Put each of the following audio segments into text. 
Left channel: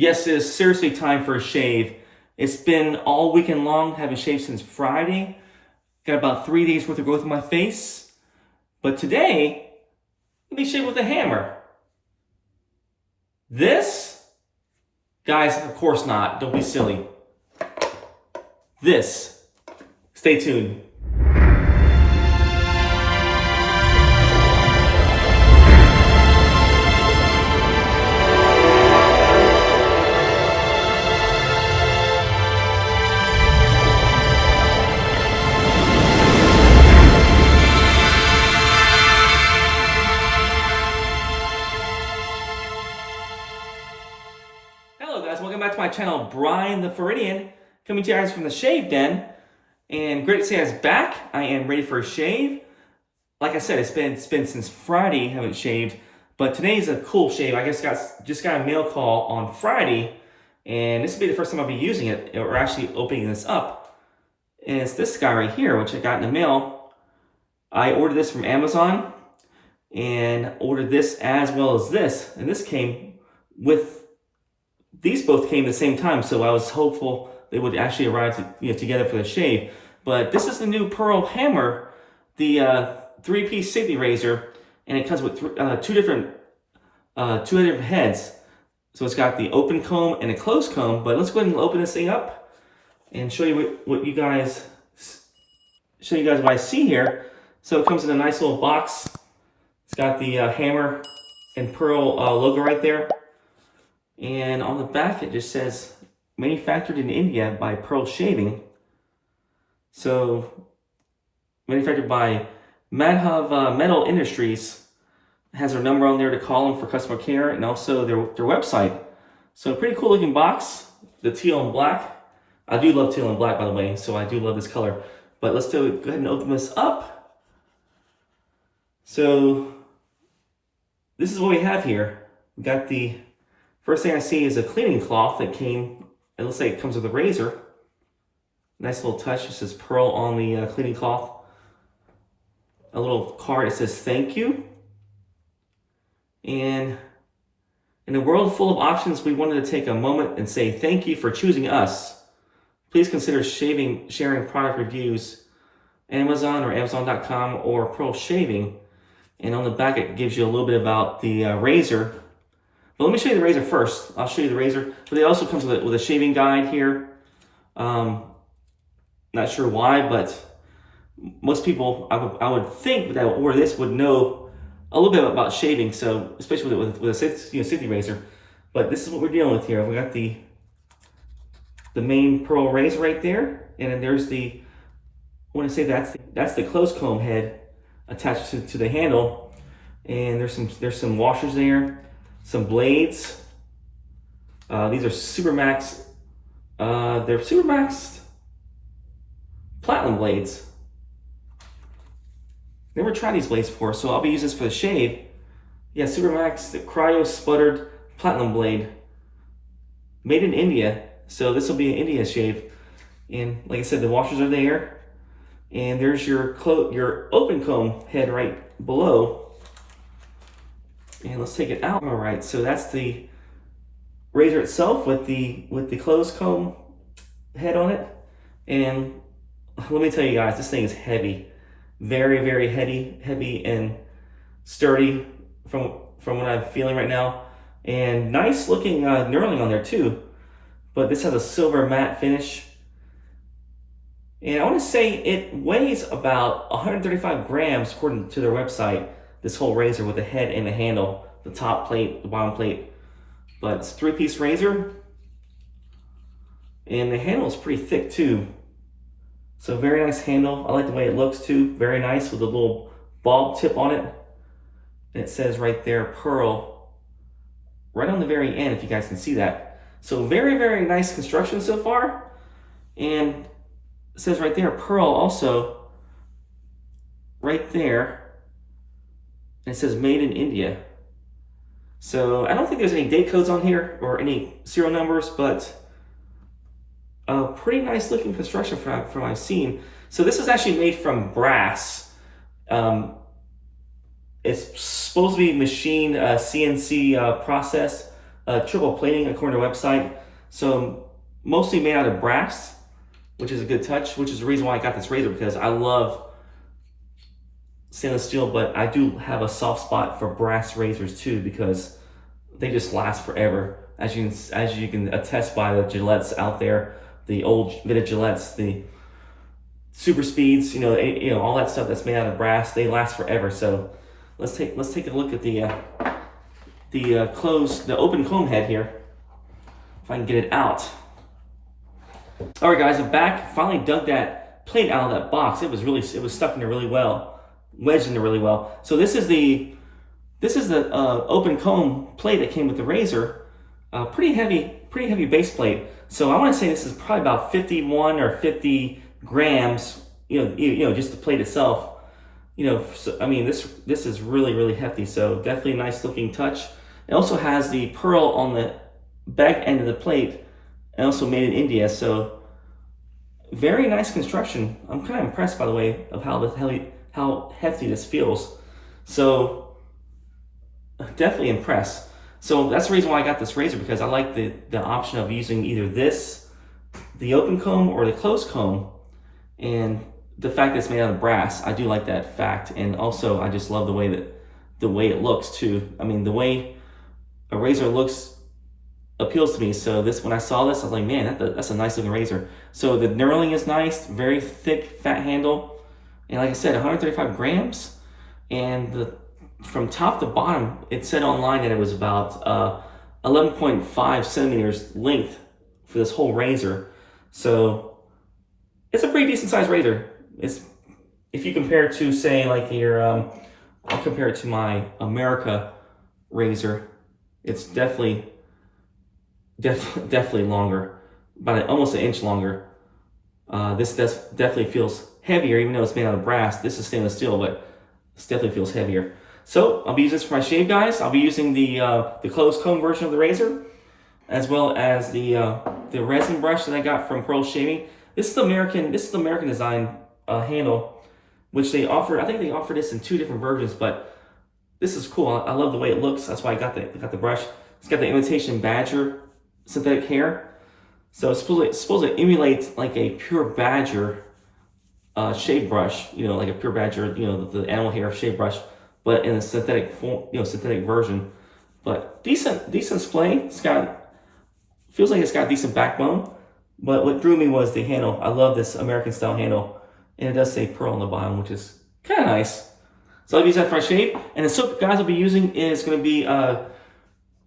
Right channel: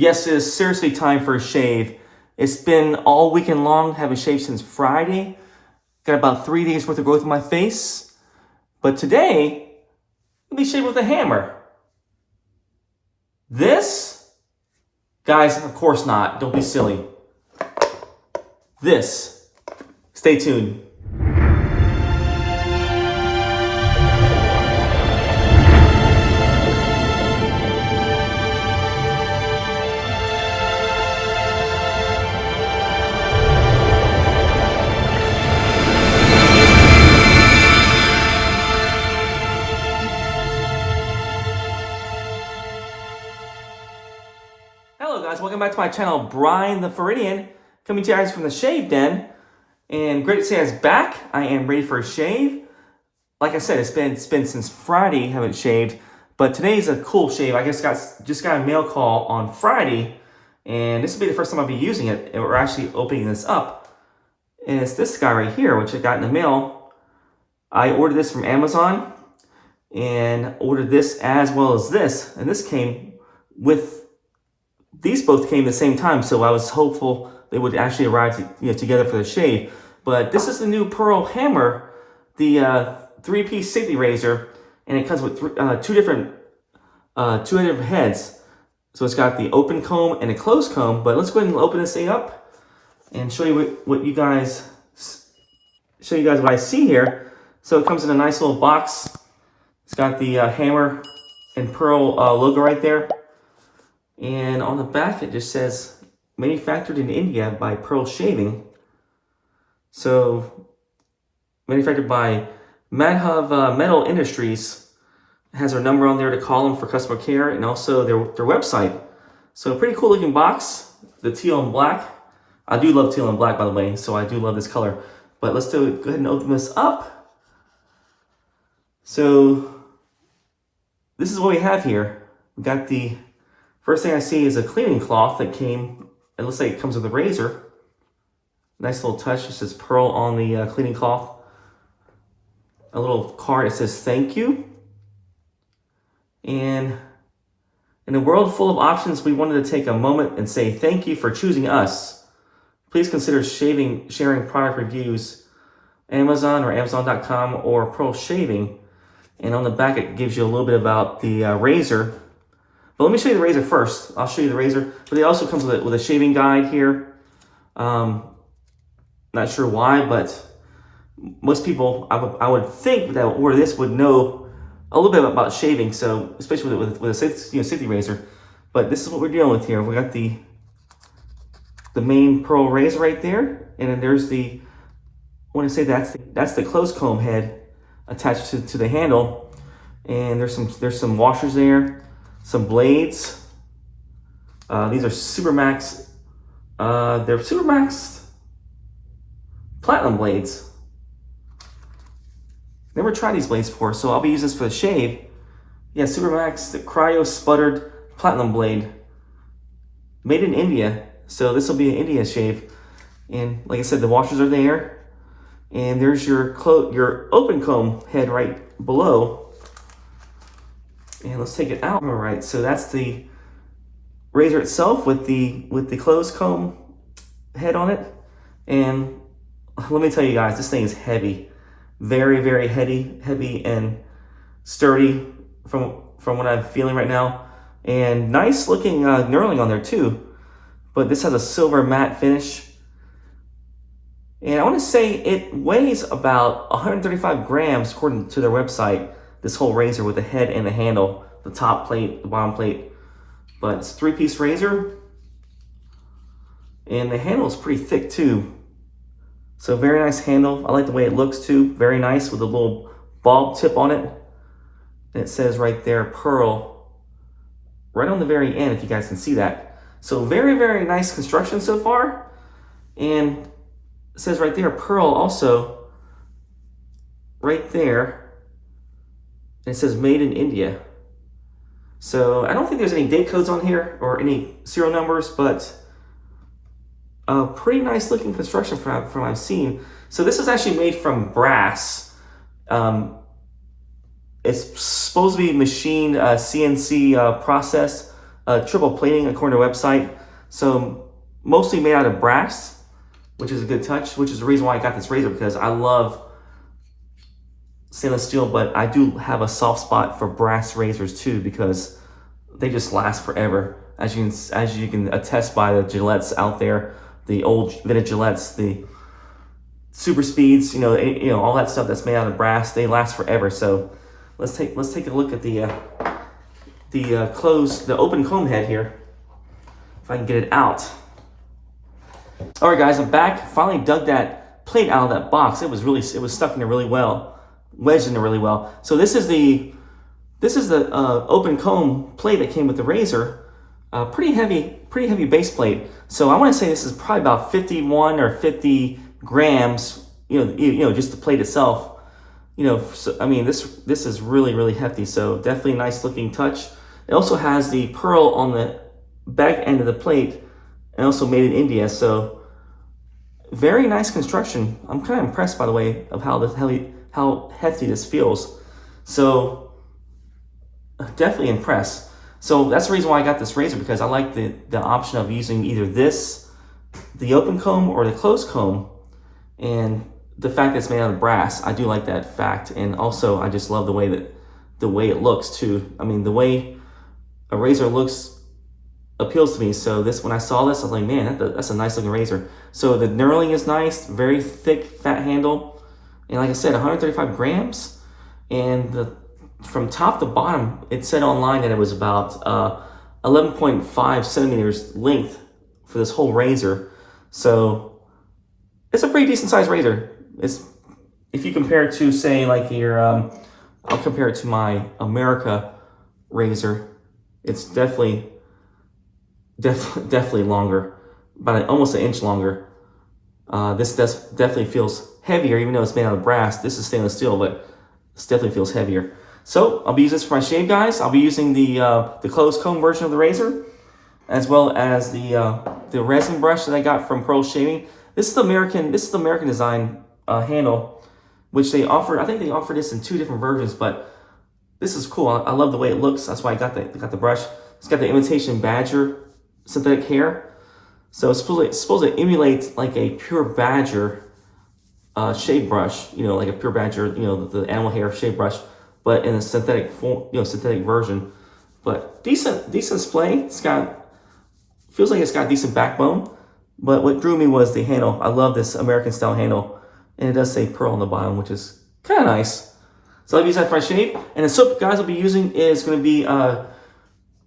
Yes, it is seriously time for a shave. It's been all weekend long, haven't shaved since Friday. Got about 3 days worth of growth in my face. But today, let me shave with a hammer. This? Guys, of course not. Don't be silly. This. Stay tuned. Hello guys, welcome back to my channel, Brian the Floridian, coming to you guys from the Shave Den. And great to see you guys back. I am ready for a shave. Like I said, it's been since Friday, haven't shaved, but today's a cool shave. I guess just got a mail call on Friday, and this will be the first time I'll be using it, or actually opening this up. And it's this guy right here, which I got in the mail. I ordered this from Amazon, and ordered this as well as this, and this came with. These both came at the same time, so I was hopeful they would actually arrive together for the shave. But this is the new Pearl Hammer, the three-piece safety razor, and it comes with two different heads. So it's got the open comb and a closed comb. But let's go ahead and open this thing up and show you what you guys what I see here. So it comes in a nice little box. It's got the Hammer and Pearl logo right there. And on the back, it just says, manufactured in India by Pearl Shaving. So, manufactured by Madhav Metal Industries. It has their number on there to call them for customer care, and also their website. So, pretty cool looking box. The teal and black. I do love teal and black, by the way, so I do love this color. But let's go ahead and open this up. So, this is what we have here. We got the first thing I see is a cleaning cloth that came, it looks like it comes with a razor. Nice little touch, it says Pearl on the cleaning cloth. A little card, it says thank you. And in a world full of options, we wanted to take a moment and say thank you for choosing us. Please consider sharing product reviews, Amazon or Amazon.com or Pearl Shaving. And on the back, it gives you a little bit about the razor. But let me show you the razor first. I'll show you the razor. But it also comes with a shaving guide here. Not sure why, but most people, I would think that order this would know a little bit about shaving. So especially with a safety razor. But this is what we're dealing with here. We got the main Pearl razor right there, and then there's I want to say that's the closed comb head attached to the handle, and there's some washers there. Some blades. These are Supermax. They're Supermax Platinum blades. Never tried these blades before, so I'll be using this for the shave. Yeah, Supermax, the Cryo Sputtered Platinum blade. Made in India, so this will be an India shave. And like I said, the washers are there. And there's your open comb head right below. And let's take it out. All right, so that's the razor itself with the closed comb head on it. And let me tell you guys, this thing is heavy, very, very heavy and sturdy from what I'm feeling right now. And nice looking knurling on there too. But this has a silver matte finish. And I want to say it weighs about 135 grams according to their website. This whole razor with the head and the handle, the top plate, the bottom plate. But it's a three-piece razor. And the handle is pretty thick too. So very nice handle. I like the way it looks too. Very nice with a little bulb tip on it. And it says right there, Pearl. Right on the very end, if you guys can see that. So very, very nice construction so far. And it says right there, Pearl also. Right there. And it says made in India. So I don't think there's any date codes on here or any serial numbers, but a pretty nice looking construction from what I've seen. So this is actually made from brass. It's supposed to be machined CNC process triple plating according to the website. So mostly made out of brass, which is a good touch, which is the reason why I got this razor, because I love stainless steel, but I do have a soft spot for brass razors too, because they just last forever. As you can attest by the Gillettes out there, the old vintage Gillettes, the super speeds, all that stuff that's made out of brass, they last forever. So let's take a look at the open comb head here, if I can get it out. All right, guys, I'm back. Finally dug that plate out of that box. It was stuck in there really well, wedged in there really well. So this is the open comb plate that came with the razor. Pretty heavy base plate. So I want to say this is probably about 51 or 50 grams. Just the plate itself. So, I mean, this is really hefty. So definitely a nice looking touch. It also has the pearl on the back end of the plate, and also made in India. So very nice construction. I'm kind of impressed, by the way, of how hefty this feels. So definitely impressed. So that's the reason why I got this razor, because I like the option of using either the open comb, or the closed comb. And the fact that it's made out of brass, I do like that fact. And also, I just love the way it looks too. I mean, the way a razor looks appeals to me. So when I saw this, I was like, man, that's a nice looking razor. So the knurling is nice, very thick, fat handle. And like I said, 135 grams. And from top to bottom, it said online that it was about 11.5 centimeters length for this whole razor. So it's a pretty decent sized razor. If you compare it to, say, like I'll compare it to my America razor. It's definitely longer, about almost an inch longer. This definitely feels heavier, even though it's made out of brass. This is stainless steel, but this definitely feels heavier. So I'll be using this for my shave, guys. I'll be using the closed comb version of the razor, as well as the resin brush that I got from Pearl Shaving. This is the American design handle, which they offered. I think they offered this in 2 different versions, but this is cool. I love the way it looks. That's why I got the brush. It's got the Imitation Badger synthetic hair, so it's supposed to emulate like a pure badger shave brush. Like a pure badger, the animal hair shave brush, but in a synthetic form, synthetic version. But decent display. Feels like it's got decent backbone. But what drew me was the handle. I love this American style handle, and it does say pearl on the bottom, which is kind of nice. So I'll use that for my shave. And the soap, guys, I'll be using is going to be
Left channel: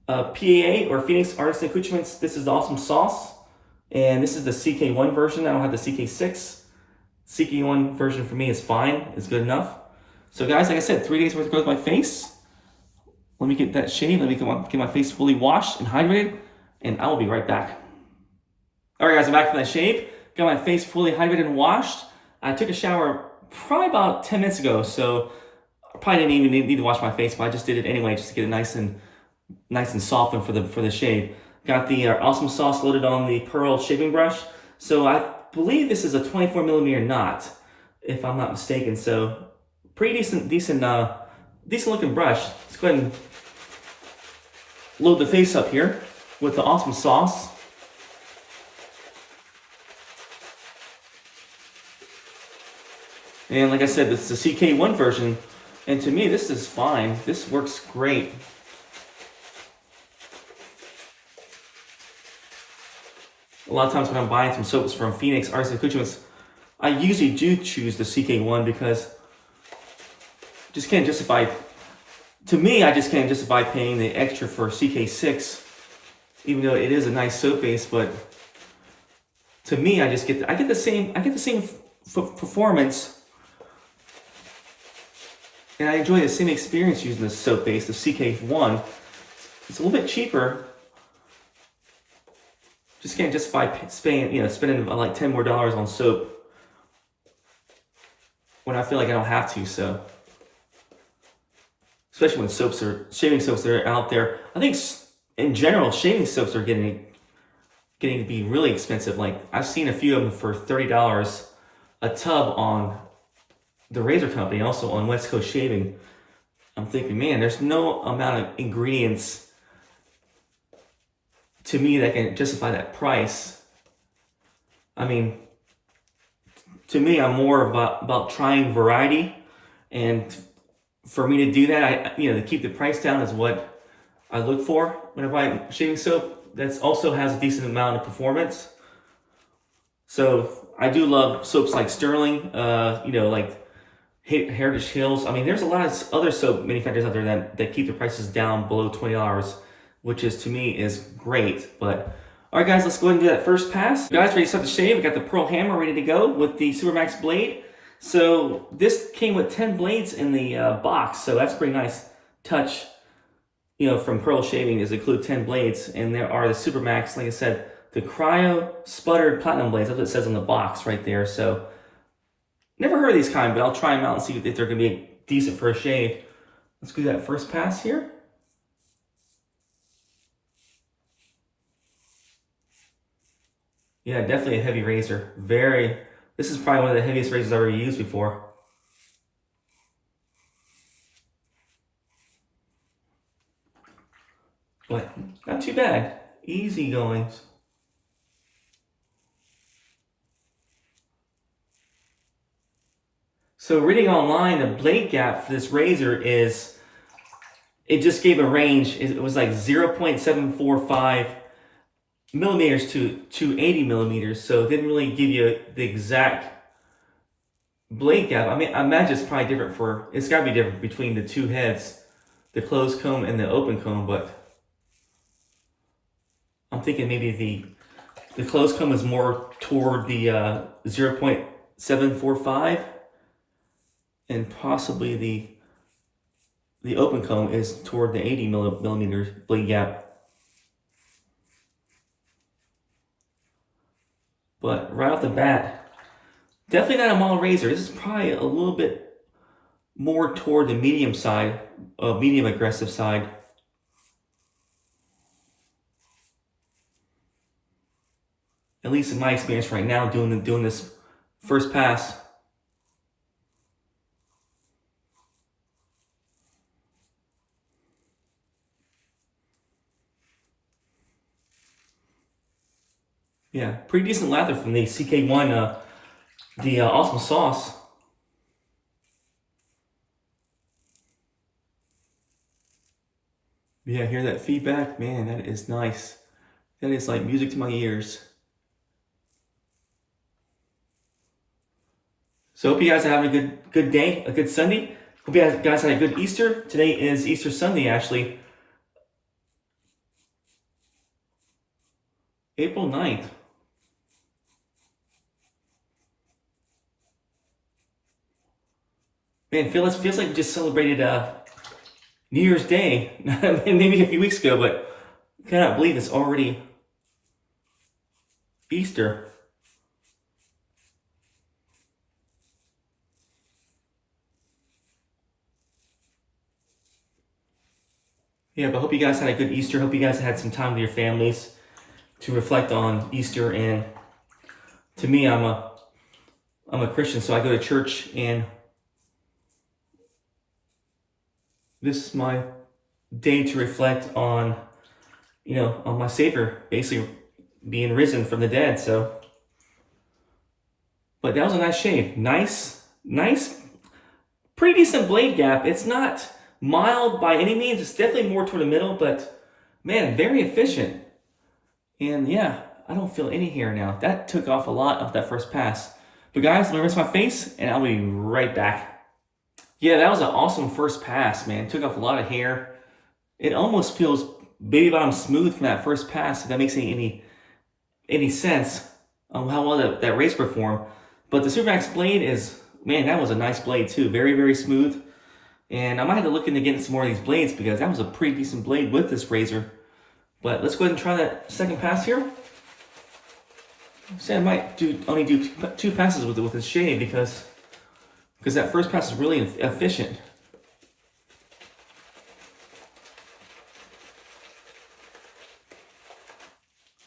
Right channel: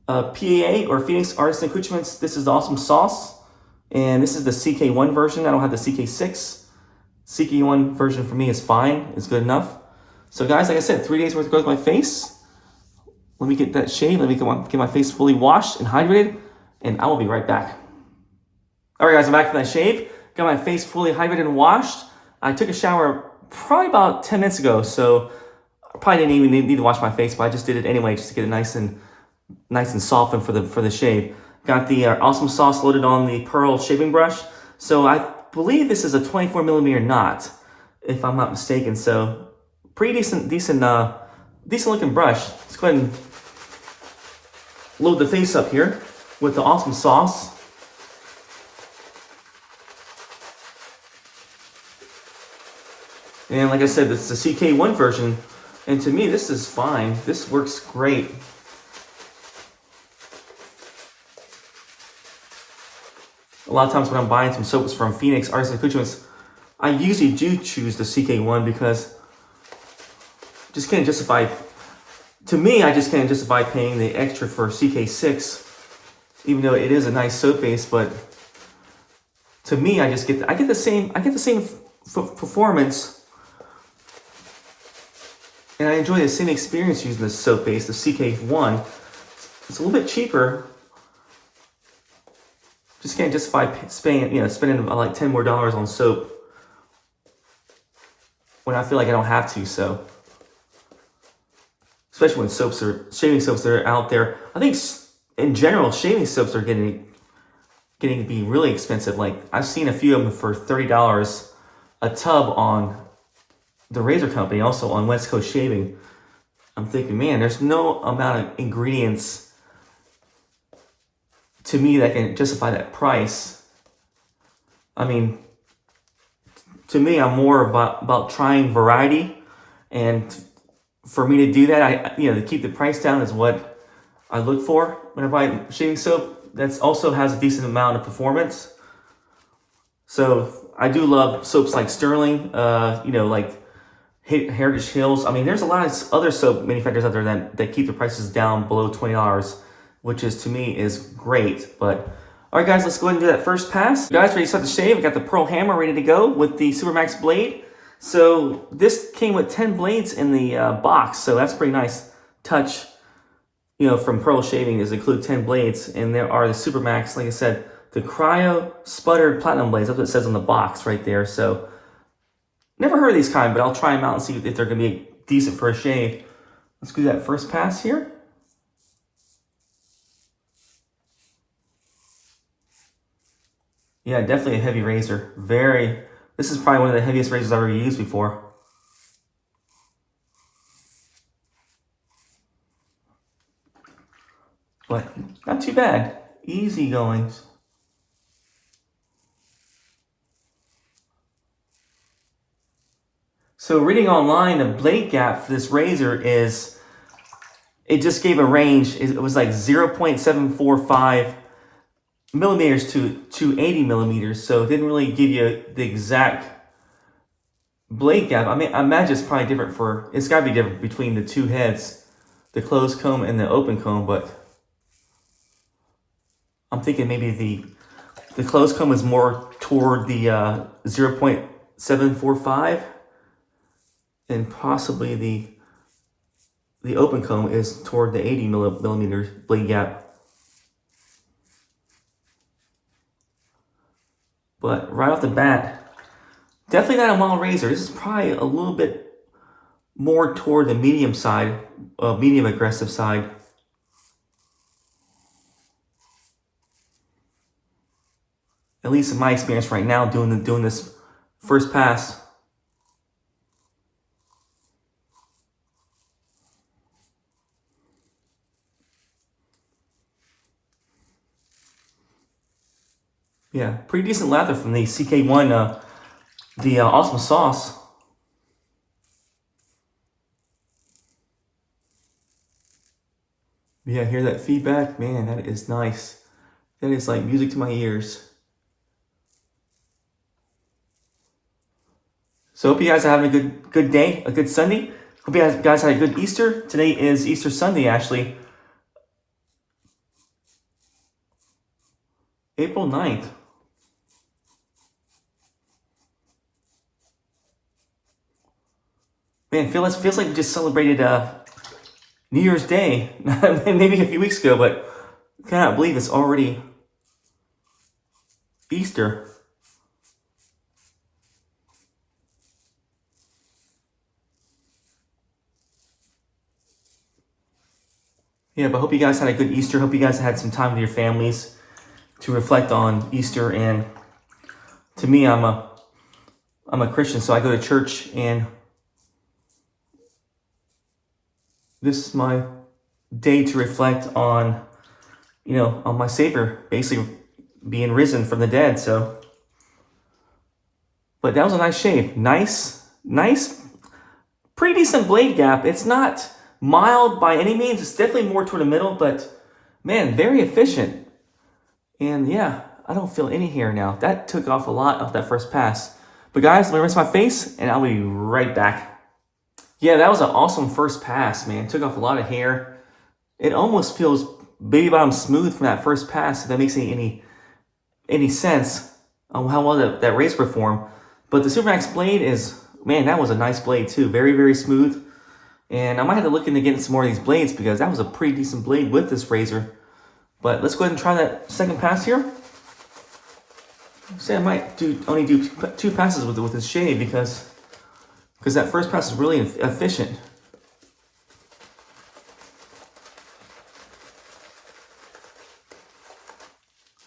PAA, or Phoenix Artisan Accoutrements. This is the Awesome Sauce, and this is the CK1 version. I don't have the CK6. CK1 version for me is fine. It's good enough. So guys, like I said, 3 days worth of growth on my face. Let me get that shave. Let me get my face fully washed and hydrated, and I will be right back. All right, guys, I'm back from that shave. Got my face fully hydrated and washed. I took a shower probably about 10 minutes ago, so I probably didn't even need to wash my face, but I just did it anyway, just to get it nice and softened for the shave. Got the Awesome Sauce loaded on the Pearl shaving brush. So I believe this is a 24 millimeter knot, if I'm not mistaken. So pretty decent looking brush. Let's go ahead and load the face up here with the Awesome Sauce. And like I said, this is the CK1 version, and to me, this is fine. This works great. A lot of times when I'm buying some soaps from Phoenix Artisan Accoutrements, I usually do choose the CK1 because I just can't justify paying the extra for CK6, even though it is a nice soap base. But to me, I get the same performance. And I enjoy the same experience using this soap base, the CK1. It's a little bit cheaper. Just can't justify spending like $10 more on soap when I feel like I don't have to. So, especially when shaving soaps that are out there. I think in general, shaving soaps are getting to be really expensive. Like I've seen a few of them for $30 a tub on the Razor Company, also on West Coast Shaving. I'm thinking, man, there's no amount of ingredients to me that can justify that price. I mean, to me, I'm more about trying variety, and for me to do that, to keep the price down is what I look for when I buy shaving soap. That also has a decent amount of performance. So I do love soaps like Sterling, like Heritage Hills. I mean, there's a lot of other soap manufacturers out there that keep the prices down below $20, which is, to me, is great. But all right, guys, let's go ahead and do that first pass. Guys, ready to start the shave? I got the Pearl Hammer ready to go with the Supermax blade. So this came with 10 blades in the box, so that's a pretty nice touch. From Pearl Shaving is include 10 blades, and there are the Supermax, like I said, the Cryo Sputtered Platinum blades. That's what it says on the box right there. So never heard of these kind, but I'll try them out and see if they're going to be decent for a shave. Let's do that first pass here. Yeah, definitely a heavy razor. This is probably one of the heaviest razors I've ever used before. But not too bad. Easy goings. So reading online, the blade gap for this razor it just gave a range. It was like 0.745 millimeters to 80 millimeters. So it didn't really give you the exact blade gap. I mean, I imagine it's probably different it's gotta be different between the two heads, the closed comb and the open comb, but I'm thinking maybe the closed comb is more toward the 0.745, and possibly the open comb is toward the 80 millimeter blade gap. But right off the bat, definitely not a mild razor. This is probably a little bit more toward the medium side, medium aggressive side. At least in my experience right now, doing this first pass. Yeah, pretty decent lather from the CK1, the Awesome Sauce. Yeah, hear that feedback? Man, that is nice. That is like music to my ears. So hope you guys are having a good day, a good Sunday. Hope you guys had a good Easter. Today is Easter Sunday, actually. April 9th. Man, feels like we just celebrated New Year's Day, maybe a few weeks ago, but I cannot believe it's already Easter. Yeah, but hope you guys had a good Easter. Hope you guys had some time with your families to reflect on Easter. And to me, I'm a Christian, so I go to church, and this is my day to reflect on, on my Savior, basically being risen from the dead. So, but that was a nice shave. Nice, pretty decent blade gap. It's not mild by any means. It's definitely more toward the middle, but man, very efficient. And yeah, I don't feel any hair now. That took off a lot of that first pass. But guys, let me rinse my face, and I'll be right back. Yeah, that was an awesome first pass, man. Took off a lot of hair. It almost feels baby bottom smooth from that first pass, if that makes any sense on how well that razor performed. But the Supermax blade man, that was a nice blade too. Very, very smooth. And I might have to look into getting some more of these blades, because that was a pretty decent blade with this razor. But let's go ahead and try that second pass here. Say I might only do two passes with this shave, because that first pass is really efficient.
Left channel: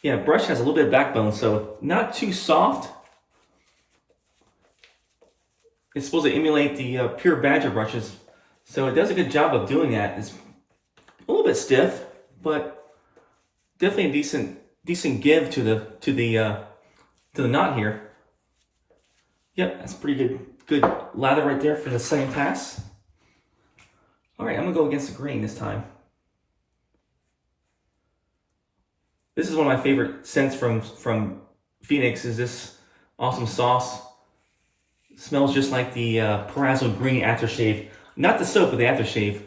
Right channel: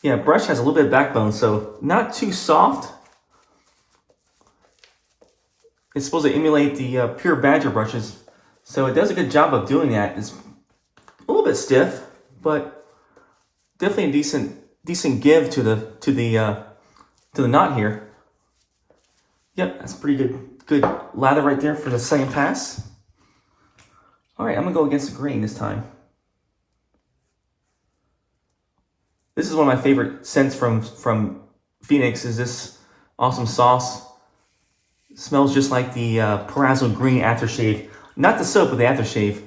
Yeah, brush has a little bit of backbone, so not too soft. It's supposed to emulate the pure Badger brushes, so it does a good job of doing that. It's a little bit stiff, but Definitely a decent give to the knot here. Yep, that's pretty good lather right there for the second pass. All right, I'm gonna go against the green this time. This is one of my favorite scents from Phoenix. Is this awesome sauce? It smells just like the Perazzo green aftershave, not the soap, but the aftershave.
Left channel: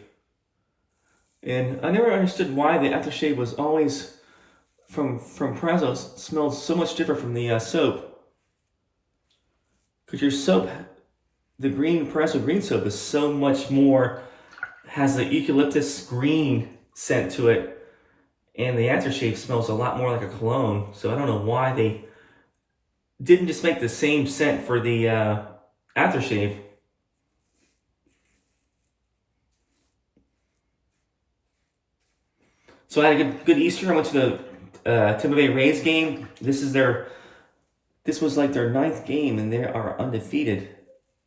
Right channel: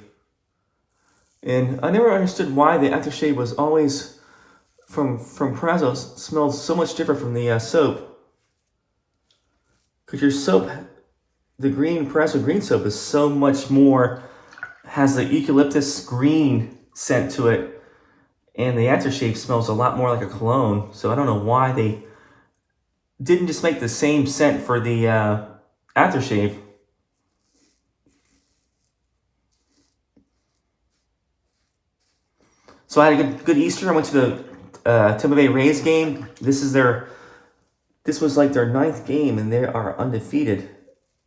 And I never understood why the aftershave was always from Perazzo smelled so much different from the soap. Because your soap, the green Perazzo green soap, is so much more, has the eucalyptus green scent to it, and the aftershave smells a lot more like a cologne. So I don't know why they didn't just make the same scent for the aftershave. So I had a good Easter. I went to the Tampa Bay Rays game. This was like their 9th game, and they are undefeated.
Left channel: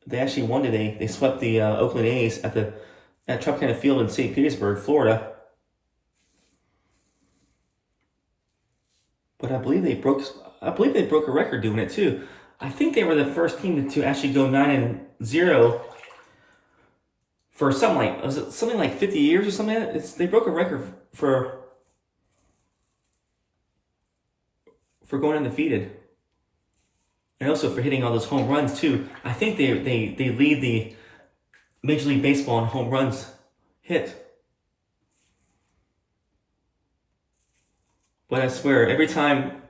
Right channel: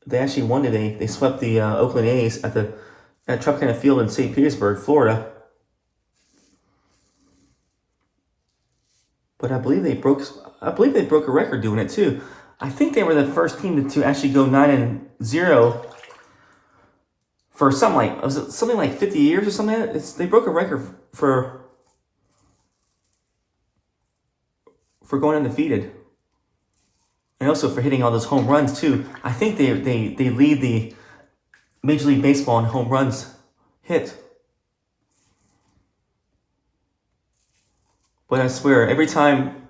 They actually won today. They swept the Oakland A's at Tropicana Field in St. Petersburg, Florida. But I believe they broke a record doing it too. I think they were the first team to actually go 9-0 for something like 50 years or something. They broke a record for going undefeated, and also for hitting all those home runs too. I think they lead the Major League Baseball in home runs hit. But I swear, every time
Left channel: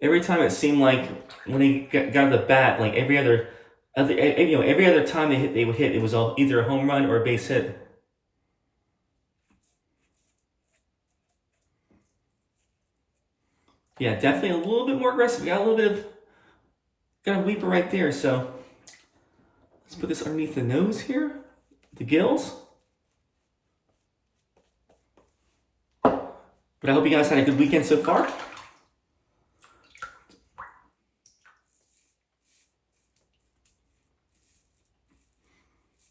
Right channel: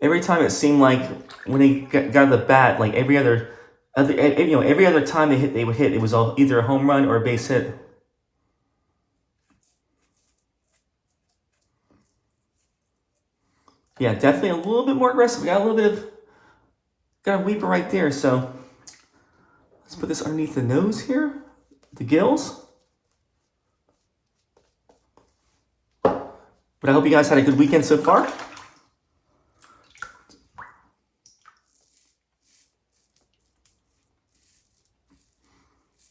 it seemed like when they got the bat, like every other time they would hit, it was all either a home run or a base hit. Yeah, definitely a little bit more aggressive. Got a weeper right there. So let's put this underneath the nose here, the gills. But I hope you guys had a good weekend so far.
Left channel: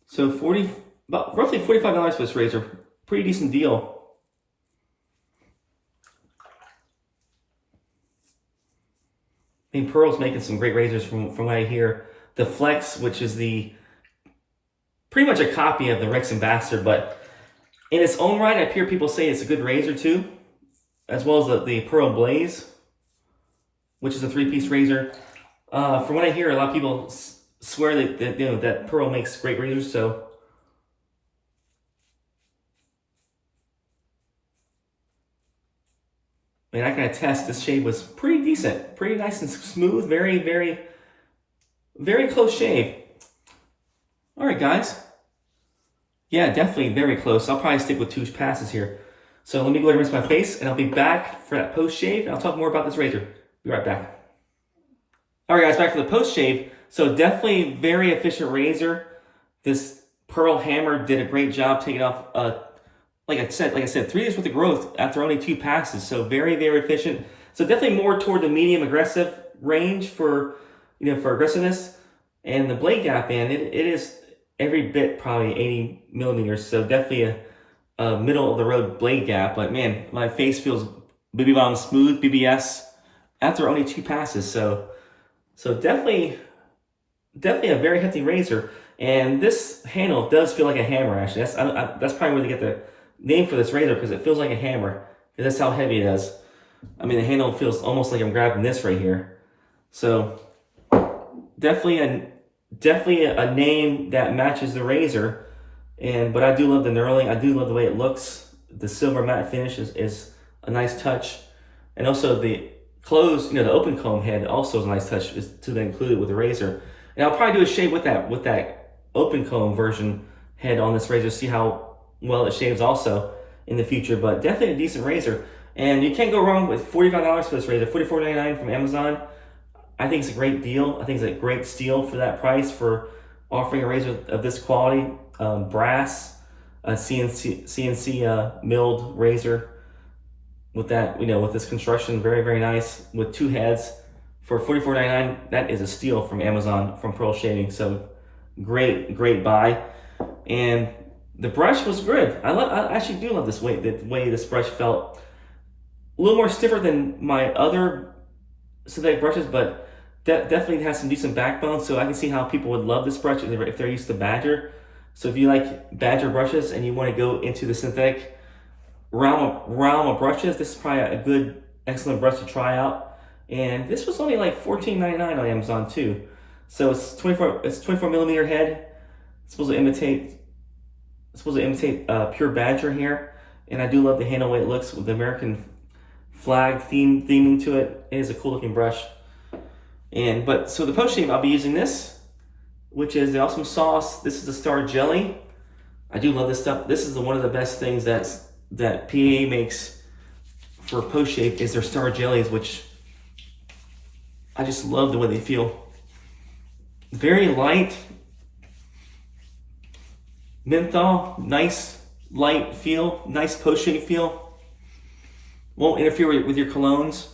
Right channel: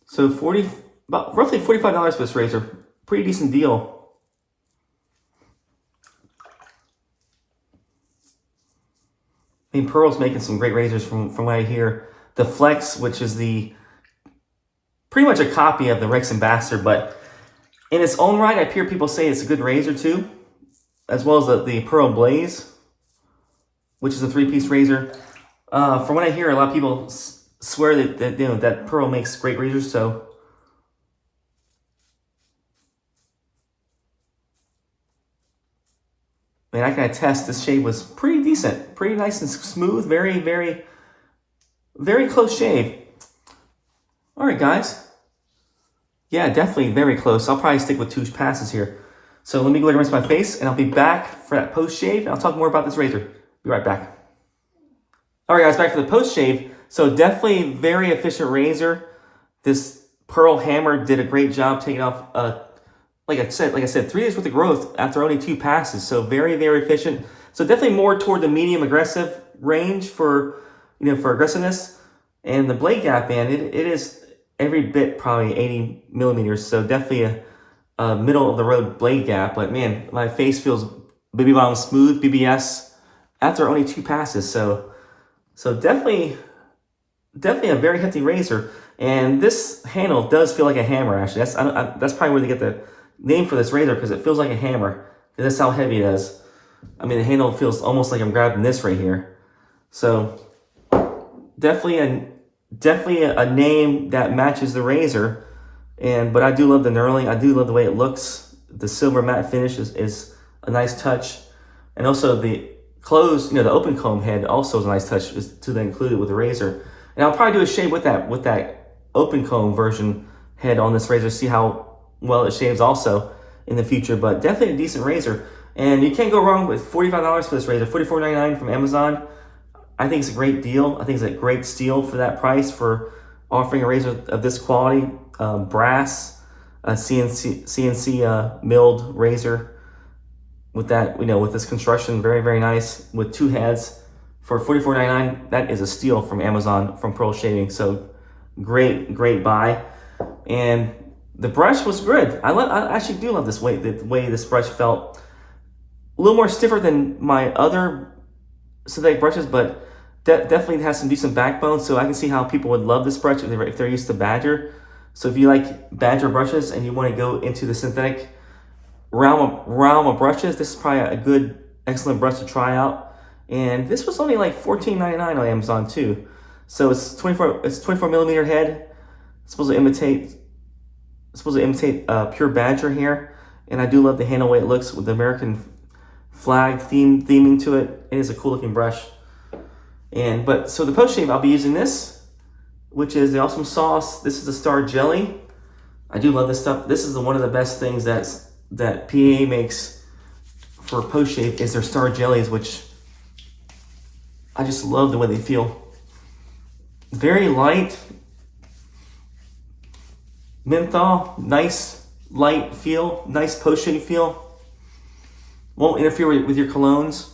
So roughly $45 for this razor. Pretty decent deal. I mean, Pearl's making some great razors from what I hear. The Flex, which is pretty much a copy of the Rex Ambassador, but in its own right, I hear people say it's a good razor too, as well as the Pearl Blaze, which is a 3-piece razor. From what I hear, a lot of people swear that Pearl makes great razors. So I mean, I can attest this shave was pretty decent, pretty nice and smooth, very, very, very close shave. All right, guys. Yeah, definitely very close. I'll probably stick with 2 passes here. So let me go ahead and rinse my face, and I'll be back for that post shave. I'll talk more about this razor. Be right back. All right, guys, back for the post shave. So definitely very efficient razor. This Pearl Hammer did a great job taking off like I said, 3 days worth of growth after only 2 passes. So very, very efficient. So definitely more toward the medium aggressive range for aggressiveness. And the blade gap, man, it is every bit probably 80 millimeters. So definitely a middle of the road blade gap. But man, my face feels Baby Balm smooth, BBS, after only 2 passes. So definitely a very hefty razor. And this handle does feel like a hammer, actually. That's probably where they get the name for this razor, because it feels like a hammer. That's how heavy it is. I mean, the handle feels almost like I'm grabbing this right here. So definitely a name that matches the razor. But I do love the knurling. I do love the way it looks. The silver matte finish is a nice touch. And also the closed, the open comb head also is a nice touch to include it with the razor. And I'll probably do a shave with that open comb version head on this razor, see how well it shaves also in the future. But definitely a decent razor. And you can't go wrong with $45 for this razor, $44.99 from Amazon. I think it's a great deal. I think it's a great steal for that price, for offering a razor of this quality, brass, CNC milled razor with that, with this construction, very, very nice, with 2 heads for $44.99. That is a steal from Amazon, from Pearl Shaving. So great buy. And the brush was good. I actually do love the way this brush felt a little more stiffer than my other synthetic brushes, but definitely has some decent backbone. So I can see how people would love this brush if they're used to Badger. So if you like Badger brushes and you want to go into the synthetic realm of brushes, this is probably a good, excellent brush to try out. And this was only like $14.99 on Amazon too. So it's 24 millimeter head. It's supposed to imitate pure Badger here. And I do love the handle way it looks with the American flag theming to it. It is a cool looking brush. So the post shave, I'll be using this, which is the Awesome Sauce. This is the Star Jelly. I do love this stuff. This is one of the best things that PA makes for post shave is their Star Jellies, which I just love the way they feel. Very light, menthol, nice light feel, nice post shave feel. Won't interfere with your colognes.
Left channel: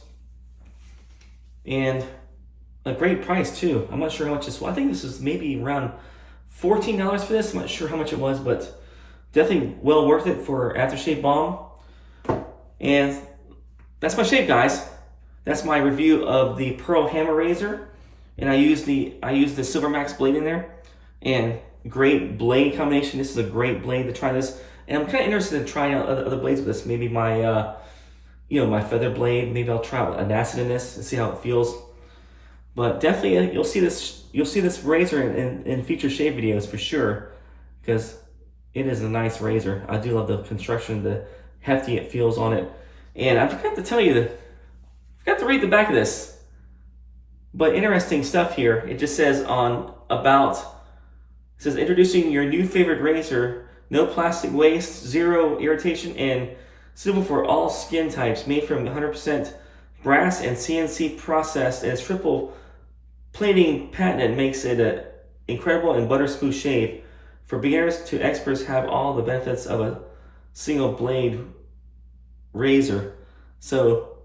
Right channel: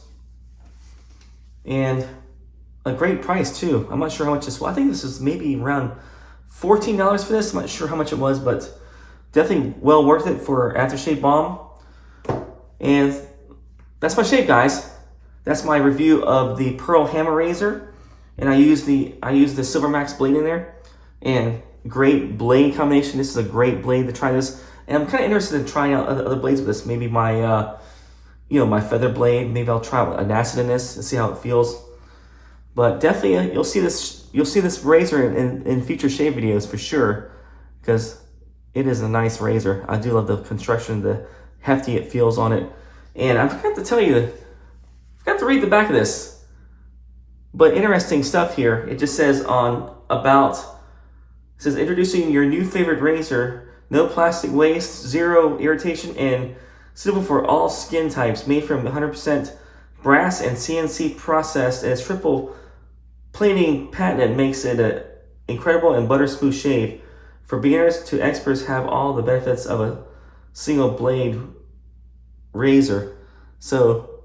And a great price too. I'm not sure how much this was. I think this is maybe around $14 for this. I'm not sure how much it was, but definitely well worth it for aftershave balm. And that's my shave, guys. That's my review of the Pearl Hammer razor. And I use the Silver Max blade in there. And great blade combination. This is a great blade to try this. And I'm kind of interested in trying out other blades with this. Maybe my my feather blade. Maybe I'll try an acid in this and see how it feels. But definitely you'll see this razor in future shave videos for sure, because it is a nice razor. I do love the construction, the hefty it feels on it. And I forgot to tell you, I forgot to read the back of this, but interesting stuff here. It just says it says introducing your new favorite razor, no plastic waste, zero irritation, and suitable for all skin types, made from 100% brass and CNC processed, and its triple plating patent makes it an incredible and butter smooth shave. For beginners to experts, have all the benefits of a single blade razor. So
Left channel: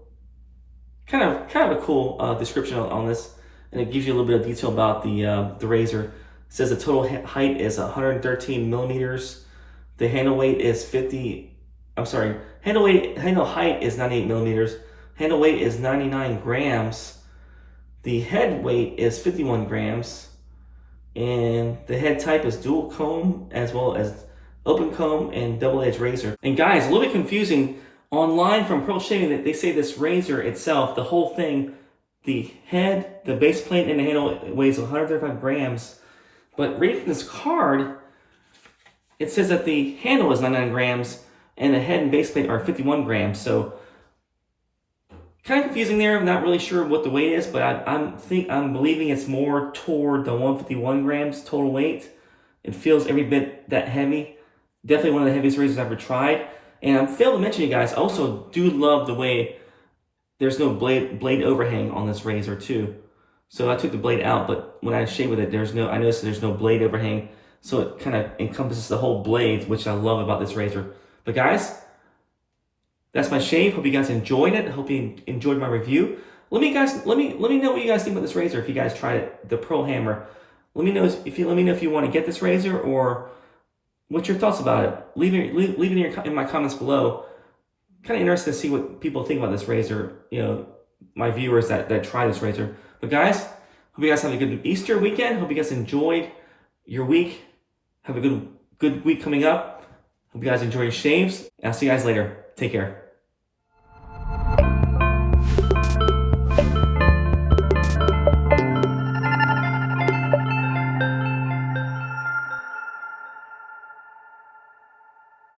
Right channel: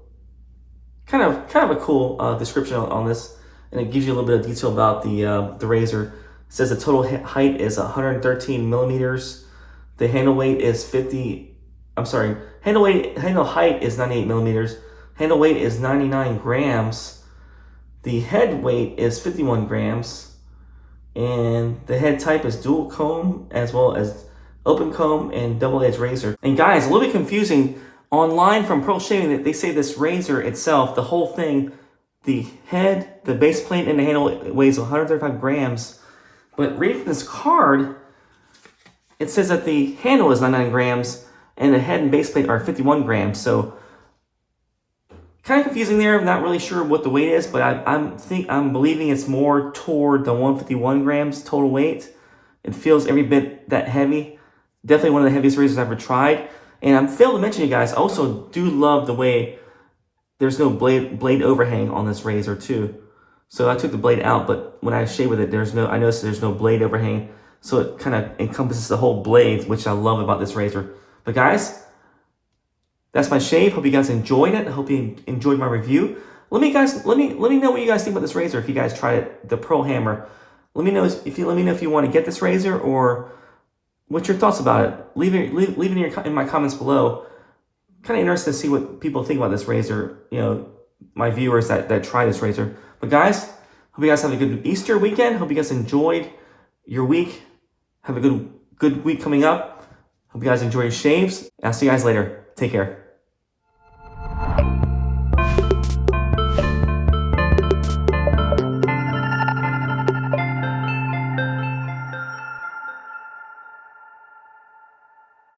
kind of a cool description on this, and it gives you a little bit of detail about the razor. It says the total height is 113 millimeters. The handle weight is handle height is 98 millimeters. Handle weight is 99 grams. The head weight is 51 grams. And the head type is dual comb, as well as open comb and double edged razor. And guys, a little bit confusing. Online from Pearl Shaving, they say this razor itself, the whole thing, the head, the base plate, and the handle weighs 135 grams. But reading this card, it says that the handle is 99 grams and the head and base plate are 51 grams. So kind of confusing there. I'm not really sure what the weight is, but I'm believing it's more toward the 151 grams total weight. It feels every bit that heavy. Definitely one of the heaviest razors I've ever tried. And I failed to mention, you guys, I also do love the way there's no blade overhang on this razor too. So I took the blade out, but when I shave with it, I noticed there's no blade overhang. So it kind of encompasses the whole blade, which I love about this razor. But guys, that's my shave. Hope you guys enjoyed it. I hope you enjoyed my review. Let me know what you guys think about this razor if you guys tried it, the Pearl Hammer. Let me know if you want to get this razor, or what's your thoughts about it. Leave it in my comments below. Kind of interested to see what people think about this razor. My viewers that try this razor. But guys, hope you guys have a good Easter weekend. Hope you guys enjoyed your week. Have a good week coming up. Hope you guys enjoy your shaves. I'll see you guys later. Take care.